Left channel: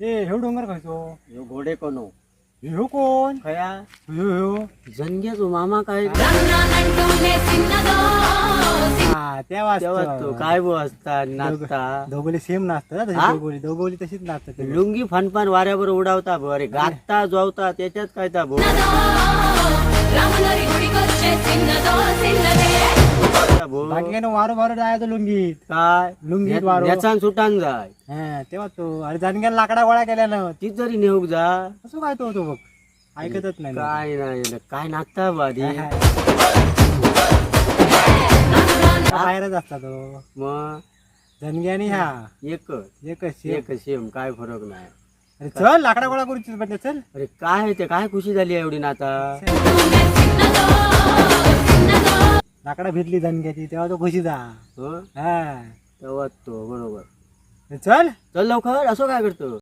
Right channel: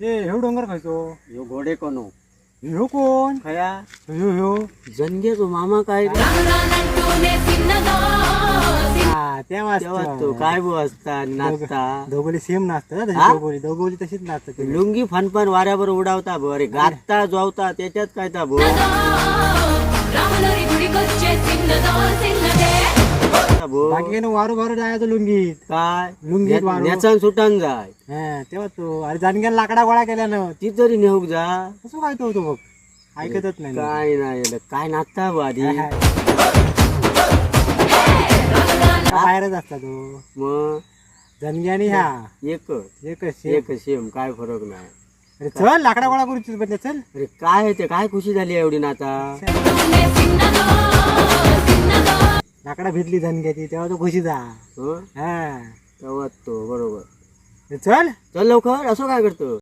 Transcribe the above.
ह्यो डोंगर खायचो ह्यो घोडे कोण ह्यो कोण खया ह्यो जणगे तो मामा काय तेव्हा तो काय बो असता नाचता दोघोली सेम नाचतात हा? दोघोली तशीच नाचतात ते. लुंगी फनफन वाऱ्यावर उडावता भो अरे गाता जोवता त्याच्यात काय ता भो भो बाकी काय ना वारो वारो जायचो लुंगीत काय लुंगीत वारो नेचान सुटान जाय हा तेव्हा तू अरे जाणग्याला लाकडा गोळा केल्यानं ती तरी नेऊक जा कसं काय तो बघ ऐकतच नाही काय नाही काय नाचता बो आधी बाहेरच असता तो मग जनग्यानी ह्या एकच एकच एक सेम काय फरक नाही अरे चल लाकडा गोळा करू म्हणजे चल अरे काय आहे ते काय खुशी झाली एवढी ना आता लाकडा भिजली जनग्याची तेव्हा तो खुशी जा हो हा तेव्हा तो बरोबर चल चल लवकर असं काय करतो